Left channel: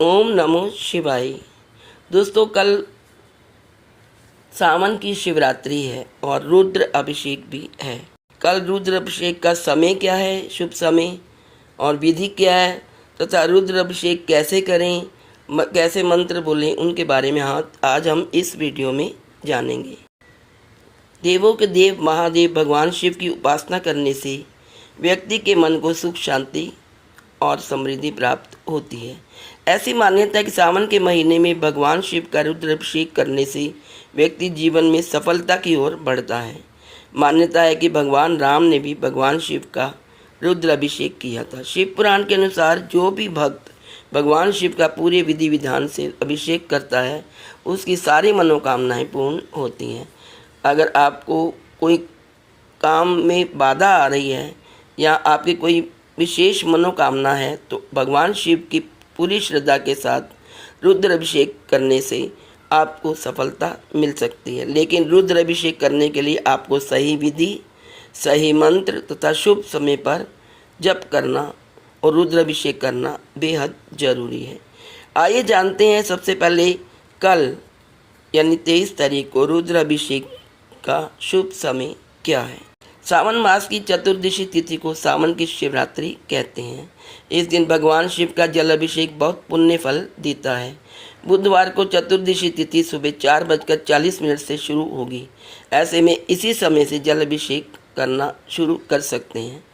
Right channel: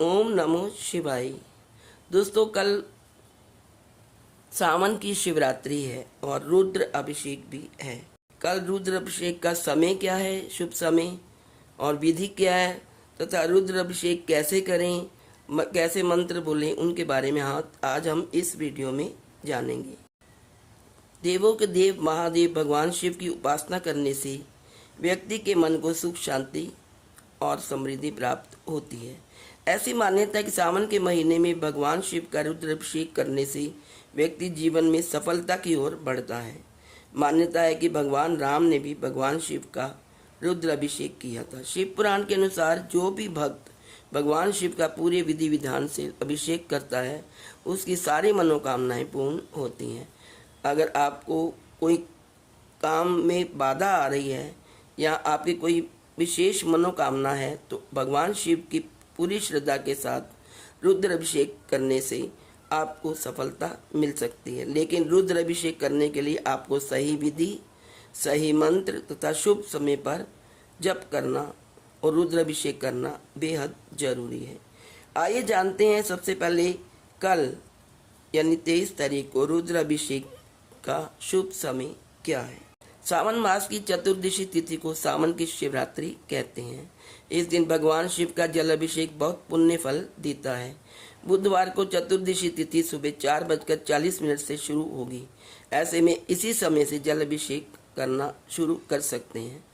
ओम नमो शिवाय। दोस्तों, कल सावन की शिवरात्रि है और रुद्र अभिषेक भी है। कल रुद्र अभिषेक का समय क्या है, शुभ समय और विधि क्या है तथा रुद्र अभिषेक कैसे करें, कैसे मंत्र बोलें, उनके बारे में आज हम इस वीडियो में जानेंगे। देवों के देव महादेव भगवान शिव की उपासना करने से व्यक्ति के मन को सुख, शांति और समृद्धि प्राप्त होती है। ऐसी मान्यता है कि सावन के महीने में भगवान शिव का रुद्राभिषेक करने से व्यक्ति जीवन में सफलता की ओर बढ़ता है। मान्यता है कि भगवान राम ने भी भगवान शिव का रुद्राभिषेक किया था। शिव पुराण के अनुसार जो भी भक्त भगवान शिव का पूरे विधि विधान से अभिषेक करता है उसकी सारी मनोकामनाएं पूर्ण होती हैं। अगर आपको कोई काम में बाधा आ रही है या आपकी कोई विशेष मनोकामना है तो भगवान शिव की पूरी श्रद्धा के साथ रुद्र अभिषेक करने से आपको सफलता मिल सकती है। लेकिन रुद्र अभिषेक करने के लिए आपको सही विधि, सही मंत्र तथा शुभ समय पर जप करना और रुद्र अभिषेक करना बेहद जरूरी है। आइए जानते हैं सबसे पहले कल यानी 23 तारीख को रुद्र अभिषेक का शुभ समय क्या है। सावन मास की चतुर्दशी तिथि को सावन की शिवरात्रि कहते हैं। इस दिन भगवान शिव का जल अभिषेक बहुत पुण्य फल देता है। बुधवार को चतुर्दशी तिथि सुबह 4:40 से शुरू होगी। ऐसे में इसी समय से जल अभिषेक करना शुरू कर सकते हैं।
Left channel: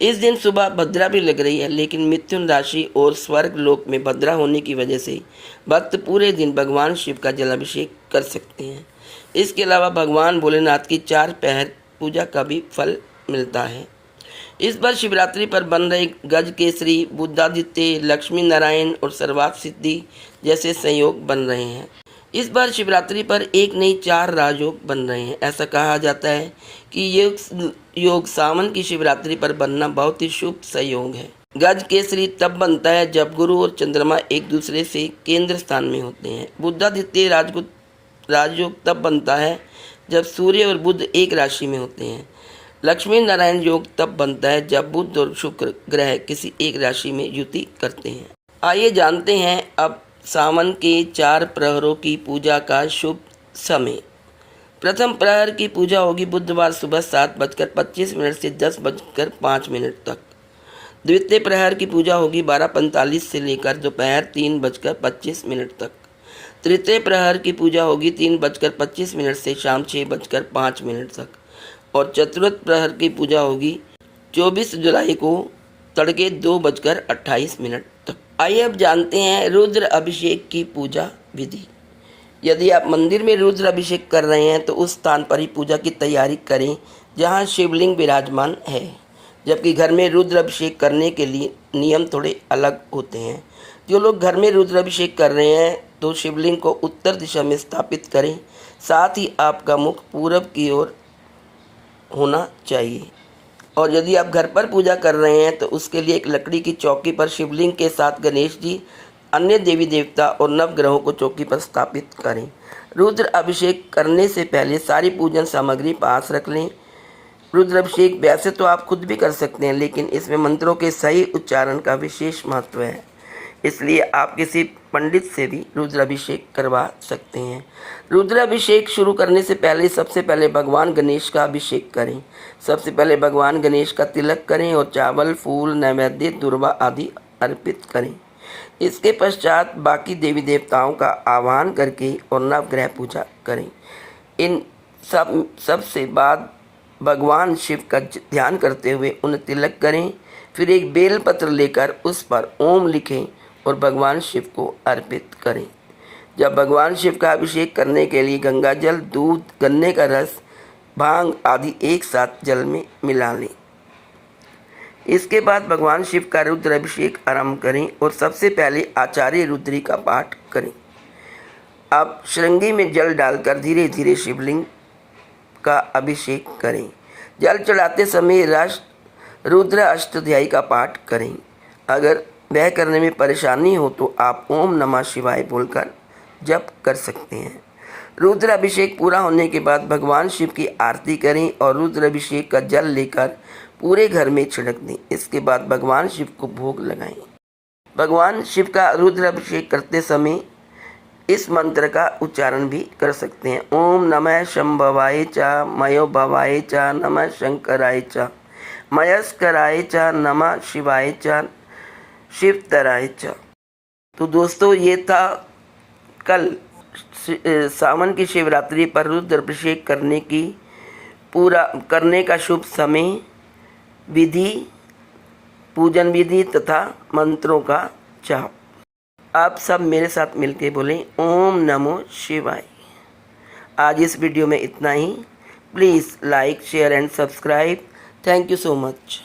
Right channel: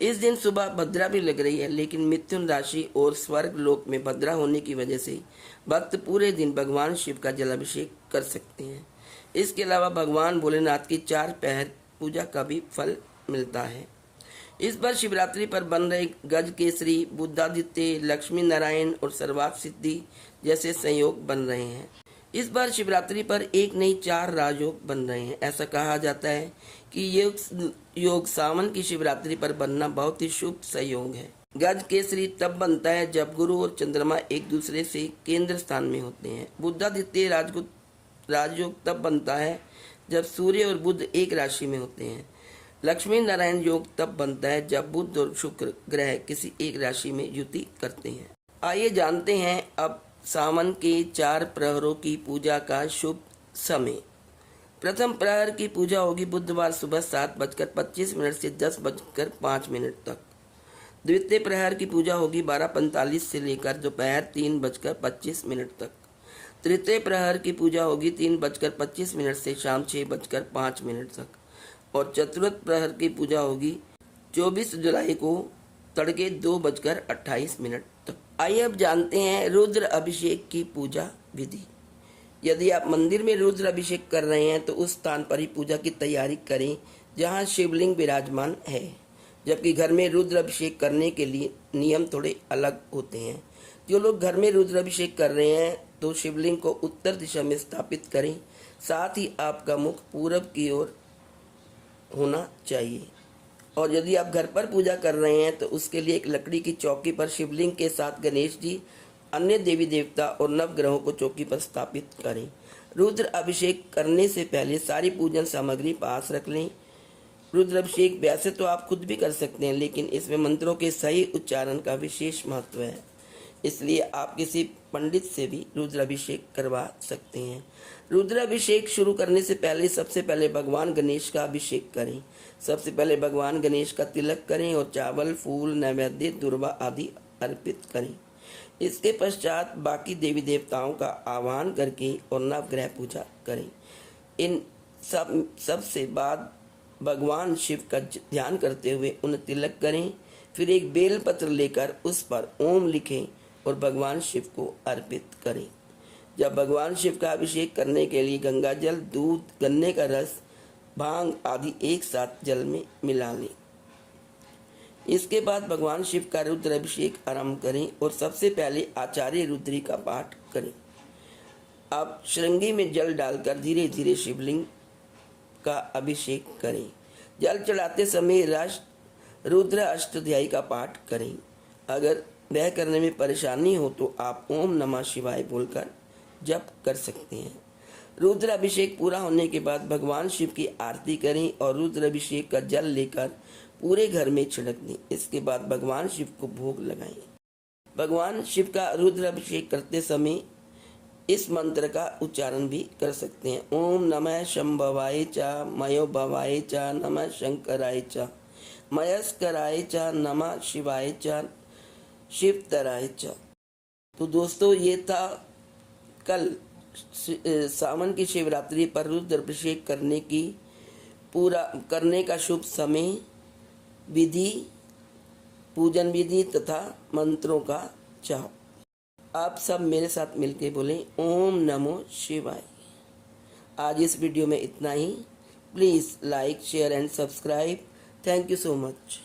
इस दिन सुबह भद्रा भी लग रही है, लेकिन मिथुन राशि और स्वर्ग लोक में भद्रा होने की वजह से भक्त पूरे दिन भगवान शिव का जलाभिषेक कर सकते हैं। इसके अलावा भगवान भोलेनाथ की 4 पहर पूजा का भी फल मिलता है। इस बार शिवरात्रि पर बन रहे गज केसरी, बुद्धादित्य, लक्ष्मी नारायण और सर्वार्थ सिद्धि जैसे संयोग बन रहे हैं। इस बार शिवरात्रि पर एक नहीं 4 राजयोग बन रहे हैं। ऐसा कहा जाता है कि ये योग सावन की शिवरात्रि पर बनना बहुत ही शुभ संयोग है। गज केसरी तब बनता है जब गुरु और चंद्रमा एक दूसरे से केंद्र स्थान में होते हैं। बुद्धादित्य राजयोग तब बनता है जब सूर्य और बुध एक राशि में होते हैं। लक्ष्मी नारायण योग तब बनता है जब बुध और शुक्र ग्रह किसी एक राशि में युति करते हैं। आइए जानते हैं अब सावन के 4 प्रहरों की पूजा का शुभ समय। प्रथम प्रहर की पूजा होगी बुधवार सुबह 7:25 से 10:05 तक। द्वितीय प्रहर की पूजा होगी 12:45 से लेकर दोपहर 3:25 तक। तृतीय प्रहर की पूजा होगी 3:25 से शाम 6:05 तक। और चतुर्थ प्रहर की पूजा होगी 24 जुलाई को तड़के 2:28 तक। आइए अब जानते हैं रुद्र अभिषेक की पूजा विधि। यदि आप मंदिर में रुद्र अभिषेक कर रहे हैं तो उस स्थान पर ही पूजा की तैयारी करें जहां शिवलिंग विराजमान है, जबकि घर में रुद्र अभिषेक करने के लिए नियम थोड़े अलग होते हैं। जो लोग घर में रुद्र अभिषेक कर रहे हैं तो शिवलिंग को उत्तर दिशा में स्थापित करें, साथ ही आपका मुख पूरब की ओर होना चाहिए। और यदि आप घर पर पूजा कर रहे हैं तो उसके लिए एक लकड़ी की चौकी पर शिवलिंग के साथ गणेश जी, अन्य देवी देवता और नवग्रहों को चौकी पर स्थापित करें। रुद्र अभिषेक करने से पहले सारी पूजन सामग्री पास रख लें। रुद्र अभिषेक वैसे तो आप खुद भी कर सकते हैं, लेकिन इसमें मंत्रों के सही उच्चारण का विशेष महत्व है, इसलिए आप किसी पंडित से भी रुद्राभिषेक करवा सकते हैं। रुद्राभिषेक शुरू करने से पहले सबसे पहले भगवान गणेश का अभिषेक करें। सबसे पहले भगवान गणेश का तिलक करें और चावल, फूल, नैवेद्य, दुर्वा आदि अर्पित करें। इसके पश्चात बाकी देवी देवताओं का आह्वान करके और नवग्रह पूजा करें। इन सब से बाद भगवान शिव का ध्यान करते हुए उन्हें तिलक करें। फिर एक बेलपत्र लेकर उस पर ओम लिखें और भगवान शिव को अर्पित करें। जब भगवान शिव का अभिषेक करने के लिए गंगा जल, दूध, गन्ने का रस, भांग आदि एक साथ जल में मिला लें। इसके बाद भगवान शिव का रुद्र अभिषेक आरंभ करें और सबसे पहले आचार्य रुद्री का पाठ करें। अब श्रृंगी में जल डालकर धीरे धीरे शिवलिंग का अभिषेक करें। जल चढ़ाते समय रुद्र अष्टध्यायी का पाठ करें। अगर वह करने में परेशानी हो तो आप ओम नमः शिवाय बोलकर जप कर सकते हैं। रुद्र अभिषेक पूरा होने के बाद भगवान शिव की आरती करें और रुद्र अभिषेक का जल लेकर पूरे घर में छिड़क दें। इसके बाद भगवान शिव को भोग लगाएं। भगवान शिव का रुद्र अभिषेक करते समय इस मंत्र का उच्चारण भी कर सकते हैं। ओम नमः शंभवाय च मयो भवाय च नमः शंकराय च मयस्कराय च नमः शिवाय च शिवतराय च। तो दोस्तों ये था कल सावन की शिवरात्रि पर रुद्र अभिषेक करने का शुभ समय, विधि, पूजन विधि तथा मंत्रों का जाप। आप सब मेरे साथ मिलके बोलें ओम नमो शिवाय। आज इस वीडियो में इतना ही। Please like, share and subscribe. Thank you so much.